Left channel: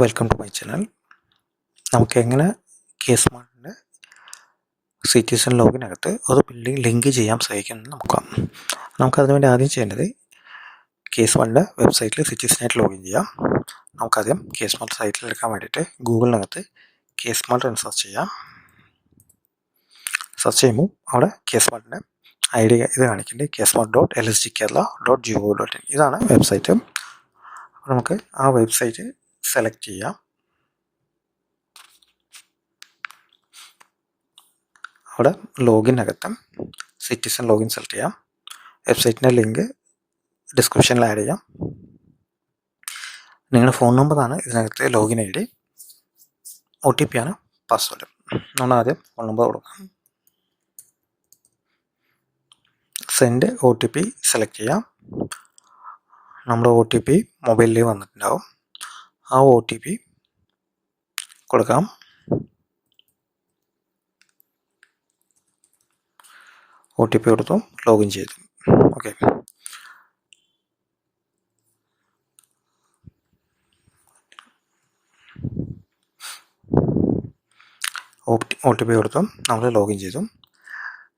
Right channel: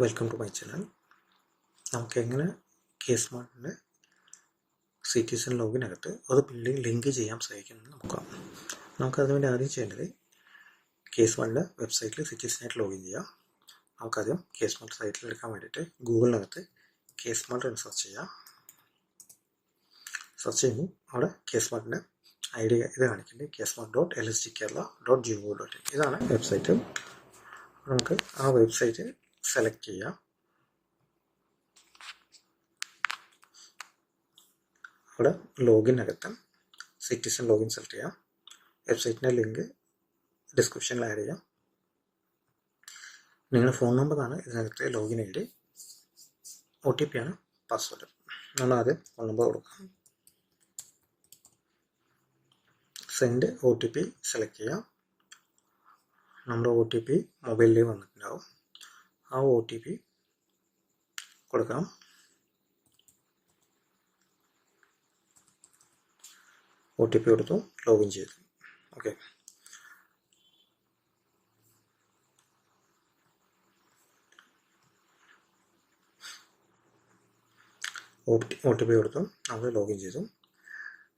Welcome to my channel. നമുക്കെങ്ങനെ കേസ്മാർട്ടിൻ്റെ citizen ലോഗിനകത്ത് ഒരു building link ചെയ്യാൻ സാധിക്കുമെന്ന് നോക്കാം. നമുക്കതിന് വേണ്ടി ആദ്യം ചെയ്യേണ്ടത് കേസ്മാർട്ടിൻ്റെ വെബ്സൈറ്റിൽ സിറ്റിസണായിട്ട് ലോഗിൻ ചെയ്യാം. നമുക്കാദ്യം കേസ്മാർട്ട് സൈറ്റിൽ എടുക്കാൻ വേണ്ടിയിട്ട് ഗൂഗിളിനകത്ത് കേസ്മാർട്ട് എന്ന് സെർച്ച് ചെയ്യാം. സെർച്ച് ചെയ്യുമ്പോൾ അവിടെ കേസ്മാർട്ടിൻ്റെ ID ഇത് കാണിക്കേണ്ടത് kesmart.lsgkerala.gov.in ഇതാണ് വെബ്സൈറ്റ്. നമുക്ക് ആ വെബ്സൈറ്റ് സെലക്ട് ചെയ്യാം. അവിടെ ലോഗിനകത്ത് സിറ്റിസൺ ലോഗിൻ സെലക്ട് ചെയ്യാം. വെബ്സൈറ്റിൻ്റെ ലിങ്ക് ഡിസ്ക്രിപ്ഷനിൽ ആഡ് ചെയ്യാം. നിങ്ങളുടെ ഫോൺ നമ്പറാണ് ഇതിനകത്ത് ലോഗിൻ ID. OTP ആണ് പാസ്വേഡ്. നമ്മൾ ആദ്യം ഫോൺ നമ്പർ കൊടുക്കാം. സെൻഡ് OTP സെലക്ട് ചെയ്യാം. നമ്മുടെ OTP മൊബൈലിൽ വന്നിട്ടുണ്ടാവും. ആ OTP കൊടുക്കാം. OTP കൊടുത്തു ലോഗിൻ ചെയ്തു. ഓക്കെ, OTP കൊടുത്തു നമ്മൾ ലോഗിൻ ചെയ്തു.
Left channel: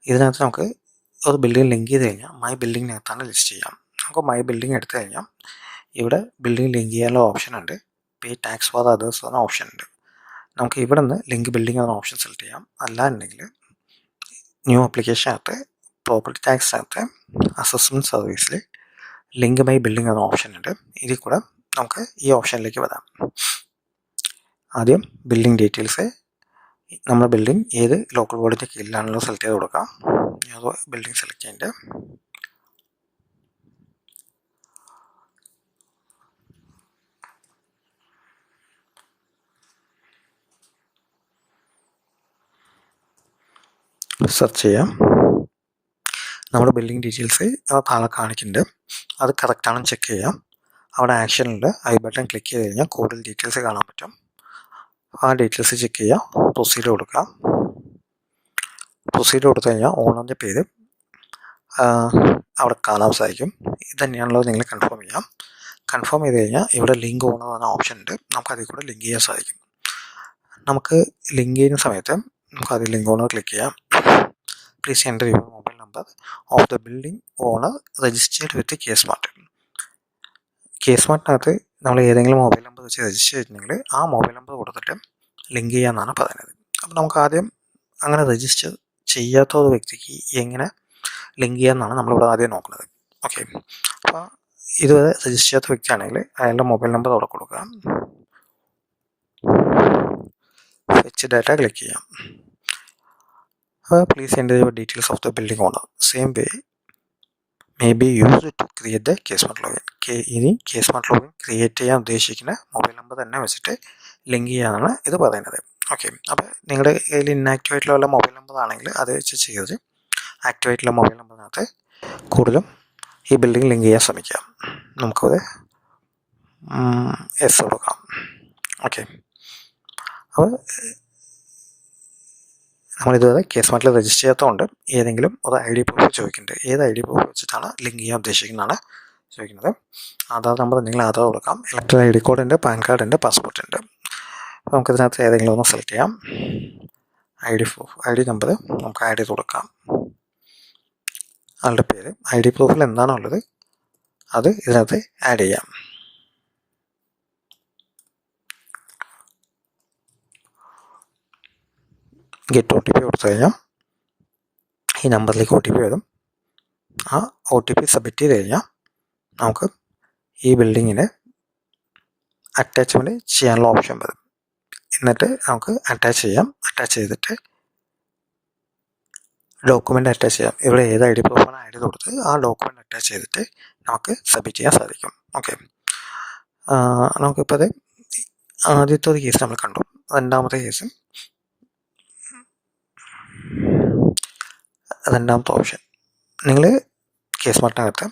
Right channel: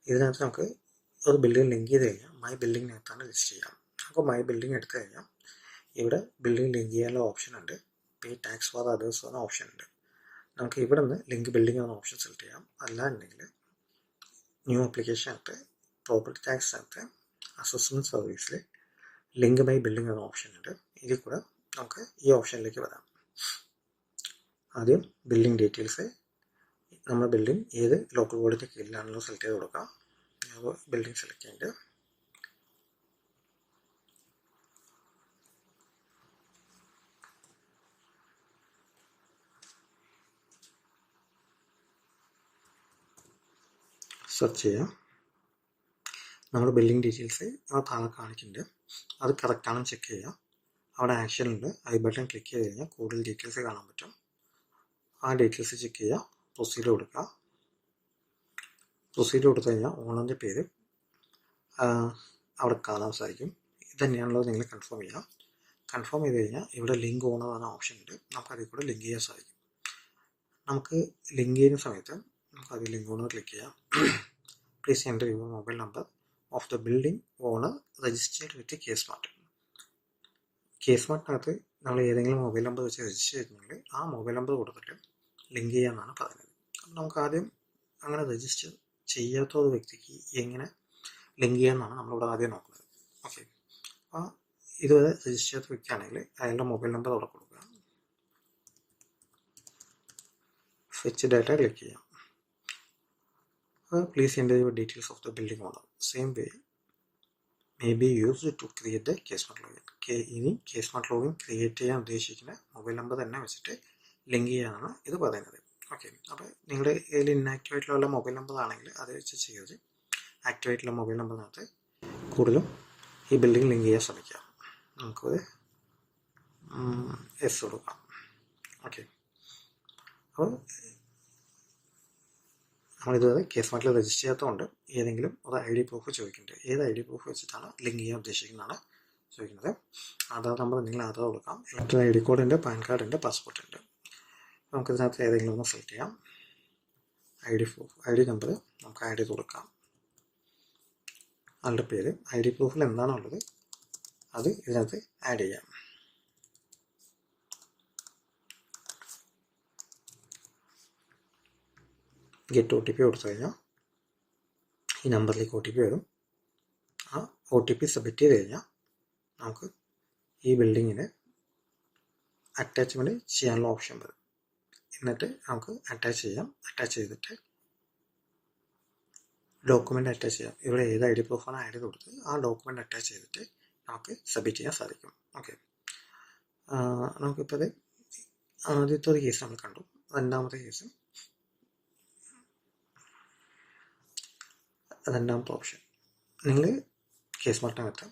ഇതിനകത്ത് നമുക്ക് ഒരു ബിൽഡിംഗ് ലിങ്ക് ചെയ്ത് കഴിഞ്ഞാൽ മൈ ബിൽഡിങ്ങിനകത്താണ് ലിസ്റ്റ് ചെയ്യാം. നമുക്ക് മൈ ബിൽഡിംഗ് എടുത്തു കഴിഞ്ഞാൽ ഇവിടെ ബിൽഡിംഗ് ലിങ്ക് ചെയ്യാനുള്ള ഓപ്ഷൻ ഉണ്ട്. പേ ടാക്സ് ഫോർ അതേഴ്സ് എന്ന ഓപ്ഷൻ ഉണ്ട്. നമുക്ക് ഇവിടെ നിന്ന് ലിങ്ക് ബിൽഡിംഗ് എന്ന ഓപ്ഷൻ സെലക്ട് ചെയ്യാം. അല്ലാന്നുണ്ടെങ്കിൽ ന്യൂ ആപ്ലിക്കേഷനകത്ത് പ്രോപ്പർട്ടി ടാക്സിനകത്ത് അസസ്മെൻറ്റ് സർവീസിൽ ലിങ്ക് മൈ ബിൽഡിംഗ് എന്ന ഓപ്ഷൻ ഉണ്ട്. ഇതിൽ കൂടെ നമുക്ക് ഈ ഓപ്ഷനിലേക്ക് വരാം. ആദ്യം ബിൽഡിംഗ് ഡീറ്റെയിൽസ്, നമ്മുടെ ബിൽഡിംഗ് ഏത് ലോക്കൽ ബോഡിൻ്റെ കീഴിലാണല്ലോ സെലക്ട് ചെയ്ത് കൊടുക്കാം. അത് ബിൽഡിംഗ് സെലക്ട് ചെയ്യേണ്ടത്. സെർച്ച് ചെയ്യാം. നമ്മുടെ ബിൽഡിംഗ് ഡീറ്റെയിൽസ് താഴെ കാണിക്കുന്നുണ്ട്. അത് കറക്റ്റാണെന്ന് ചെക്ക് ചെയ്യാം. അവിടെ ആക്ഷനുണ്ട്. ഐ ബട്ടൺ ക്ലിക്ക് ചെയ്ത് കഴിഞ്ഞാൽ കൂടുതൽ ഡീറ്റെയിൽസ് കാണാൻ പറ്റും. ആ ഡീറ്റെയിൽസ് ചെക്ക് ചെയ്യാം. പ്രൊസീഡ് കൊടുക്കാം. പ്രൊസീഡ് കൊടുത്തു കഴിഞ്ഞാൽ ഓണറിൻ്റെ പേര് അവിടെ കാണാൻ സാധിക്കും. ഇത് തന്നെയാണല്ലോ നിങ്ങൾ കൺഫേം ചെയ്യാം. കൺഫേം ചെയ്ത് കഴിഞ്ഞാൽ ഇവിടെ ലിങ്ക് ഓണർ എന്ന ഓപ്ഷൻ ഉണ്ട്. നമുക്ക് അതിൽ കൂടെ ലിങ്ക് ചെയ്യാൻ സാധിക്കും. നമുക്ക് ലിങ്ക് ചെയ്യുന്ന സമയത്ത് നമുക്ക് അതിൽ ലിങ്ക് ഓണർ ക്ലിക്ക് ചെയ്യാം. Please enter your mobile number of the building owner registered with K Smart. കേസ്മാർട്ടിനകത്ത് നമ്മൾ ഏതെങ്കിലും മൊബൈൽ നമ്പർ വെച്ച് രജിസ്റ്റർ ചെയ്തിട്ടുണ്ടെങ്കിൽ ആ മൊബൈൽ നമ്പർ കൊടുത്തിട്ട് ലിങ്ക് ചെയ്യാമെന്നാണ് പറയുന്നത്. അപ്പോൾ നമുക്ക് ആദ്യം അങ്ങനെ രജിസ്റ്റർ ചെയ്യാത്ത ഒരു വ്യക്തിക്ക് എങ്ങനെ ലിങ്ക് ചെയ്യാമെന്നാണ് നമ്മളിവിടെ ആദ്യം നോക്കുന്നത്. ഓക്കെ, അപ്പോൾ ഇതുവരെ രജിസ്റ്റർ ചെയ്യാത്ത വ്യക്തിയാണെങ്കിൽ അയാളുടെ മൊബൈൽ നമ്പർ അവിടെ കൊടുക്കുക. ഫെച്ച് ഡാറ്റ ക്ലിക്ക് ചെയ്യാം. Please enter your details of the building owner. Same way may be used to create the K Smart login. ഇനി കേസ്മാർട്ട് ലോഗിൻ ക്രിയേറ്റ് ചെയ്യാൻ ഉദ്ദേശിക്കുന്ന മൊബൈൽ നമ്പർ തന്നെ വെച്ചിട്ട് ലിങ്ക് ചെയ്യാനാണ് ഇത് പറയുന്നത്. ഓക്കെ, അപ്പോൾ നിങ്ങളുടെ കയ്യിൽ ഇന്നാക്റ്റീവ് ആയിട്ടുള്ള വല്ല മൊബൈൽ നമ്പർ ആണെങ്കിൽ അത് വെച്ച് ചെയ്ത് ആക്റ്റീവ് ആയിട്ടുള്ള മൊബൈൽ നമ്പറിനകത്ത് കൂടുതലും ഈ ബിൽഡിംഗ് ലിങ്ക് ചെയ്യാൻ ശ്രമിക്കാം. നമുക്കത് എസ് കൊടുക്കാം. ഓക്കെ, അപ്പോൾ നമ്മളിതുവരെ കേസ്മാർട്ടിൽ രജിസ്റ്റർ ചെയ്യാത്തതുകൊണ്ട് ഏതെങ്കിലും ഒരു ID പ്രൂഫ് ചോദിക്കുന്നുണ്ട്. ഏത് ID പ്രൂഫ് വെച്ചിട്ടാണ് ലിങ്ക് ചെയ്യാൻ ഉദ്ദേശിക്കുന്നതാണ് ചോദിക്കുന്നത്. ആധാർ നമ്പർ എന്തെങ്കിലും ആധാർ കൊടുക്കാം. ഇലക്ട്രൽ ID കോഡ് ഉണ്ട്, പാൻ കാർഡ് ഉണ്ട്, പാസ്പോർട്ട് ഉണ്ട്. അപ്പോൾ നമുക്കിതിനകത്ത് ഏതെങ്കിലും ഒന്ന് സെലക്ട് ചെയ്യാം. ID നമ്പർ നമുക്ക് ആഡ് ചെയ്ത് കൊടുക്കാം. ആളുടെ പേര് ID പ്രൂഫിൽ എന്താണോ ഉള്ളത് അത് ഇതിനകത്ത് ആഡ് ചെയ്യാം. ഗെറ്റ് OTP കൊടുത്തു കഴിഞ്ഞാൽ ഈ നമ്പറിലേക്ക് OTP വരും. ആ OTP സബ്മിറ്റ് ചെയ്ത് കഴിഞ്ഞാൽ നമുക്ക് ഈ ബിൽഡിങ്ങിന് അറ്റാച്ച്മെൻറ്റ് ചെയ്യാനുള്ള ഓപ്ഷൻ വരും. എന്നിട്ട് നമുക്ക് അറ്റാച്ച് ചെയ്യാം. അറ്റാച്ച് ചെയ്തിട്ട് ഡോക്യുമെൻ്റ് അറ്റാച്ച് ചെയ്യാം. ഇവിടെ ഏത് ID പ്രൂഫാണ് ആഡ് ചെയ്ത് കൊടുത്ത് ആ ഡോക്യുമെൻ്റ് അറ്റാച്ച് ചെയ്തിട്ട് നമുക്ക് സബ്മിറ്റ് ചെയ്യാൻ സാധിക്കും. ഓക്കെ, നമുക്കിപ്പോൾ അത് ആദ്യത്തെ ഒരു കേസ് നമ്മൾ കണ്ടു. രണ്ടാമത്തെ ഓപ്ഷൻ നിങ്ങൾ കേസ്മാർട്ടിനകത്ത്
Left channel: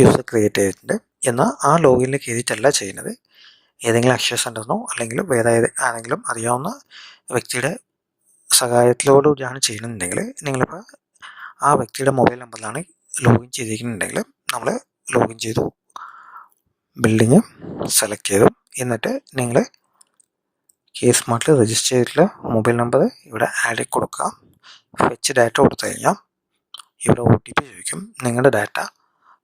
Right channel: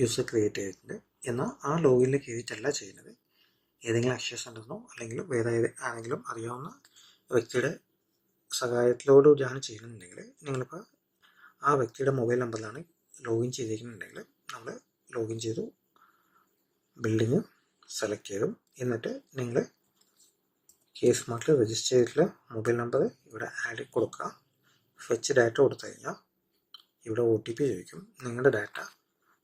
യൂസർ ക്രിയേറ്റ് ചെയ്തിട്ടുണ്ട്. എന്നാൽ ആ ലോഗിനിൽ കയറിയിട്ടല്ല ചെയ്യുന്നത്. ഏതെങ്കിലും അക്ഷയ സെൻ്ററിനോ അല്ലെങ്കിൽ വേറെ ആരെങ്കിലും അറിയാവുന്ന വ്യക്തിയുടെ സഹായത്തിലോടുകൂടിയാണ് ചെയ്യുന്നുണ്ടെങ്കിൽ നിങ്ങളിപ്പോൾ ആ വ്യക്തിയുടെ മൊബൈൽ നമ്പറിലാണ് ലോഗിൻ ചെയ്തിരിക്കുന്നുണ്ടെങ്കിൽ നമ്മൾ ലോഗിൻ ചെയ്തു ബിൽഡിങ് സെലക്ട് ചെയ്തു. എന്നിട്ട് നിങ്ങൾ K-Smartൽ രജിസ്റ്റർ ചെയ്തിട്ടുള്ള മൊബൈൽ നമ്പർ ഇവിടെ ആഡ് കൊടുക്കുക. ഫെച്ച് ഡാറ്റ കൊടുത്തു കഴിഞ്ഞാൽ ഇവിടെ OTP ചോദിക്കും. നിങ്ങളുടെ ഡാറ്റ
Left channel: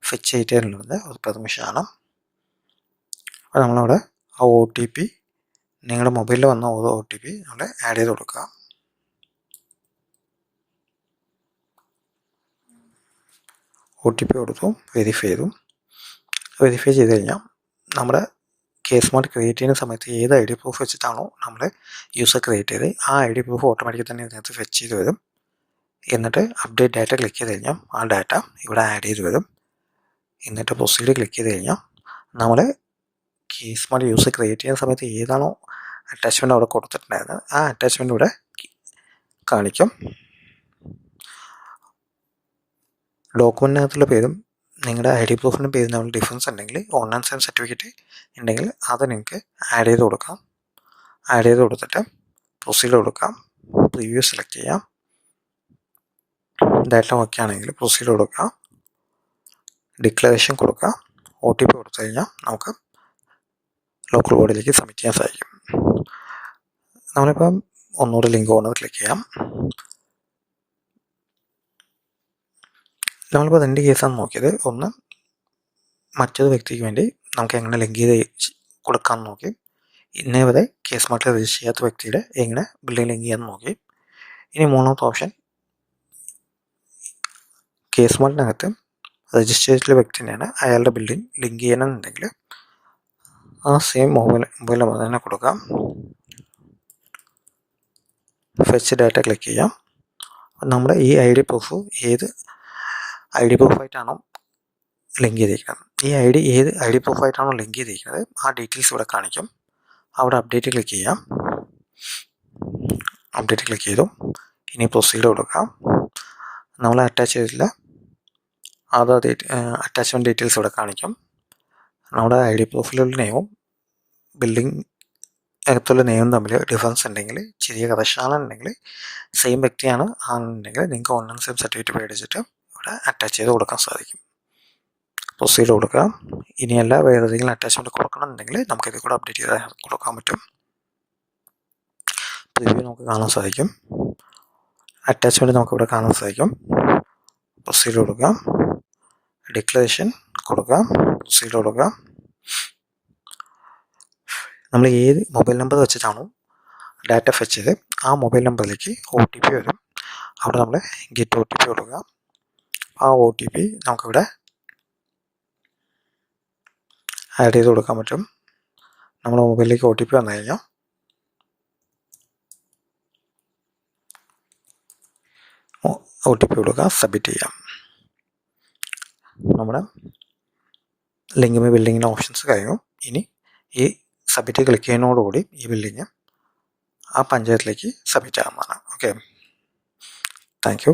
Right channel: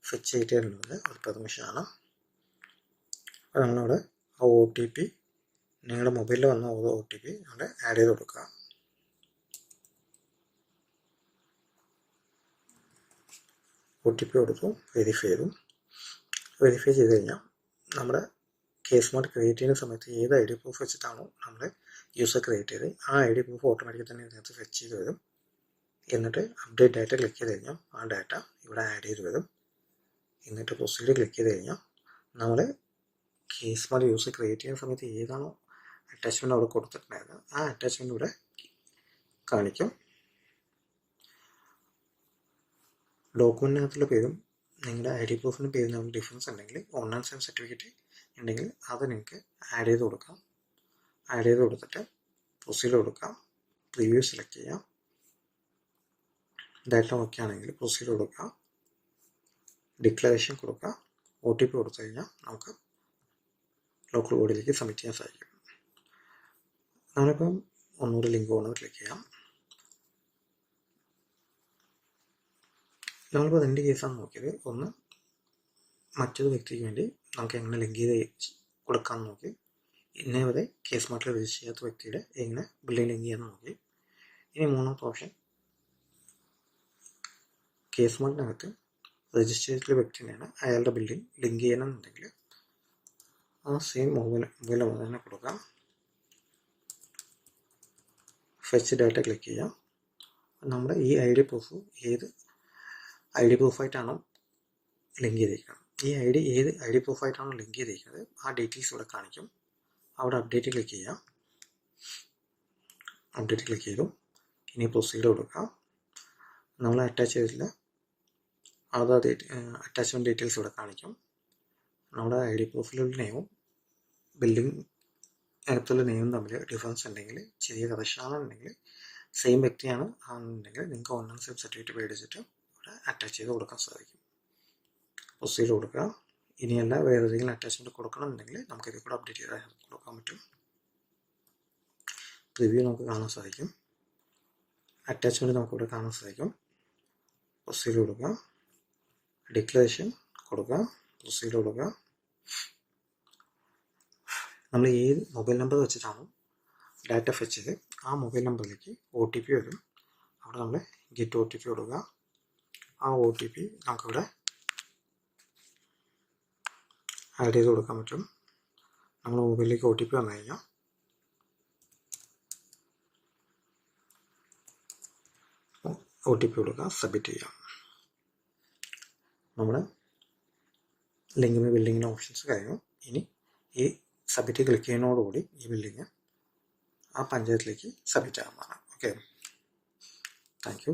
ഫെച്ച് ചെയ്തിട്ടുള്ളത് ഒരു പെർമിഷനാണ്. അപ്പോൾ നമ്മളവിടെ ആ OTP നിങ്ങളുടെ മൊബൈലിൽ വന്ന ഓരോ OTP നമ്മൾ ആഡ് ചെയ്ത് കൊടുക്കുക. OTP കൊടുത്തു, വെരിഫൈ ചെയ്തു. വെരിഫൈ ചെയ്ത് കഴിഞ്ഞാൽ നമ്മുടെ K-Smart ക്രിയേറ്റ് ചെയ്യുന്ന സമയത്ത് ഏത് ID പ്രൂഫ് വെച്ചിട്ടാണോ നമ്മൾ യൂസർ ക്രിയേറ്റ് ചെയ്ത് ആ ID പ്രൂഫ് ഓട്ടോമാറ്റിക്കലി തന്നെ ഇതിനകത്ത് ഫെച്ച് ചെയ്ത് വരും. എന്നിട്ട് അപ്ഡേറ്റ് ഡാറ്റ ക്ലിക്ക് ചെയ്ത് കഴിഞ്ഞാൽ ആ ഡാറ്റ ഇവിടെ ആഡ് ചെയ്ത് വരും. എന്നിട്ട് പ്രൊസീഡ് ക്ലിക്ക് ചെയ്ത് കഴിഞ്ഞാൽ നമ്മൾ K-Smart യൂസർ ക്രിയേറ്റ് ചെയ്യുന്ന സമയത്ത് ഏതാണോ അറ്റാച്ച്മെൻറ്റ് അവിടെ കൊടുത്തിട്ടുണ്ടായിരുന്നത് ആ അറ്റാച്ച്മെൻറ്റ് ഇവിടെ കാണിക്കും. ഡോക്യുമെൻറ്റിനകത്തുള്ള പേരും നിങ്ങളുടെ ID പ്രൂഫിൻ്റെ പേരും തമ്മിൽ ഡിഫറൻസ് ഉണ്ടെങ്കിൽ ഓൺലൈൻ സൈൻ സർട്ടിഫിക്കറ്റ് ഉണ്ടെങ്കിൽ അത് നിങ്ങൾക്ക് ആഡ് ചെയ്ത് കൊടുക്കാം. ആഡ് ചെയ്ത് കൊടുത്തിട്ട് പ്രൊസീഡ് കൊടുക്കാം. പ്രിവ്യൂ സെലക്ട് ചെയ്യാം. ഡാറ്റ ഓക്കെ ആണെങ്കിൽ പ്രൊസീഡ് കൊടുക്കുക. ഡിക്ലറേഷൻ കൊടുക്കുക. OTP കൊടുത്തു കഴിഞ്ഞാൽ നമുക്ക് ലോക്കൽ ബോഡിയിലേക്ക് സബ്മിറ്റ് ചെയ്യാൻ സാധിക്കും. നമ്മളിപ്പം ഒന്നുകൂടെ ലിങ്ക് ഓണർ ക്ലിക്ക് ചെയ്യാം. നമ്മളിപ്പോൾ 2 കേസാണ് നോക്കിയത്. ഒന്ന് മറ്റൊരു വ്യക്തിക്ക് വേണ്ടി നമുക്ക് എങ്ങനെ ലിങ്ക് ചെയ്ത് കൊടുക്കാമെന്ന് നോക്കി. ഇന്നേ വരെ K-Smartൽ രജിസ്റ്റർ ചെയ്യാത്ത വ്യക്തിയുടെ എങ്ങനെ ബില്ലിംഗ് ലിങ്ക് ചെയ്യാമെന്ന് നോക്കി. ഇനി മൂന്നാമത്തെ ഓപ്ഷൻ K-Smartനകത്ത് രജിസ്റ്റർ ചെയ്തിട്ടുള്ള വ്യക്തി തന്നെയാണ് അയാളുടെ ബില്ലിംഗ് ലിങ്ക് ചെയ്യണമെന്നുണ്ടെങ്കിൽ ആ സെയിം മൊബൈൽ നമ്പർ തന്നെ കൊടുക്കാം. ഫെച്ച് ഡാറ്റ ക്ലിക്ക് ചെയ്യാം. നമ്മുടെ ഈ ID പ്രൂഫ് ഏത് ID പ്രൂഫായിട്ടാണോ ലിങ്ക് ചെയ്തിരിക്കുന്നത് ഏത് ID പ്രൂഫായിട്ടാണോ ലിങ്ക് ചെയ്തിരിക്കുന്നത് ആ ഡീറ്റെയിൽസ് ഇവിടെ കാണിക്കും. അവിടെ അപ്ഡേറ്റ് ക്ലിക്ക് ചെയ്യാം. അപ്ഡേറ്റ് ക്ലിക്ക് ചെയ്തു. ഇനി പ്രൊസീഡ് കൊടുക്കാം. നമ്മൾ അറ്റാച്ച് ചെയ്തിട്ടുള്ള ആധാർ അറ്റാച്ച്മെൻറ്റ് ഡീറ്റെയിൽസ് ഇവിടെ കാണിക്കും. നമ്മുടെ ID പ്രൂഫിലുള്ള നെയിമും ബിൽഡിംഗ് അകത്തുള്ള നെയിമും തമ്മിൽ ഡിഫറൻസ് ഉണ്ടെങ്കിൽ ചെറിയ കറക്ഷനാണെന്നുണ്ടെങ്കിൽ സെയിം വ്യക്തിയാണ് ആണെന്നുണ്ടെങ്കിൽ നിങ്ങൾക്ക് ഓൺലൈൻ സെയിം സർട്ടിഫിക്കറ്റ് മേടിച്ചിട്ട് ഇവിടെ അറ്റാച്ച് ചെയ്ത് കൊടുക്കാൻ സാധിക്കും. പ്രൊസീഡ് കൊടുക്കുക. ഇനിയല്ല വേറെ ഏതെങ്കിലും അറ്റാച്ച്മെൻറ്റ് കൊടുക്കണമെന്നുണ്ടെങ്കിൽ നമുക്കിത് കൂടെ അപ്ഡേറ്റ് ചെയ്ത് കൊടുക്കാൻ പറ്റും. പ്രിവ്യൂ നമുക്ക് കാണാൻ സാധിക്കും. അറ്റാച്ച്മെൻറ്റ് നമുക്കിവിടെ കാണാൻ സാധിക്കും. പ്രൊസീഡ് കൊടുക്കുക. ഡിക്ലറേഷൻ കൊടുക്കുക. പ്രൊസീഡ് കൊടുക്കുക. നമ്മൾ ഏത് മൊബൈൽ നമ്പർ വെച്ചിട്ടാണോ ഡാറ്റ ഫെച്ച് ചെയ്ത് ആ മൊബൈൽ നമ്പറിലേക്ക് OTP വരും. അവിടെ നമ്മൾ ഗെറ്റ് OTP കൊടുക്കുക. ആ OTP നമുക്കിവിടെ ആഡ് ചെയ്ത് കൊടുക്കാൻ പറ്റും. നമ്മുടെ മൊബൈലിലേക്ക് OTP വന്നു കഴിഞ്ഞാൽ OTP കൊടുക്കുക. സബ്മിറ്റ് ചെയ്യാം. നമ്മുടെ ലിങ്ക് ബിൽഡിങ്ങിൻ്റെ ഓപ്ഷൻസ് കഴിഞ്ഞു. ഇനി ഈ സബ്മിറ്റ് ക്ലിക്ക് ചെയ്യുന്നതോടുകൂടി ഈ ബിൽഡിങ് ആ പഞ്ചായത്തിലേക്ക് സബ്മിറ്റ് ആകുന്നതാണ്. Okay, thank U.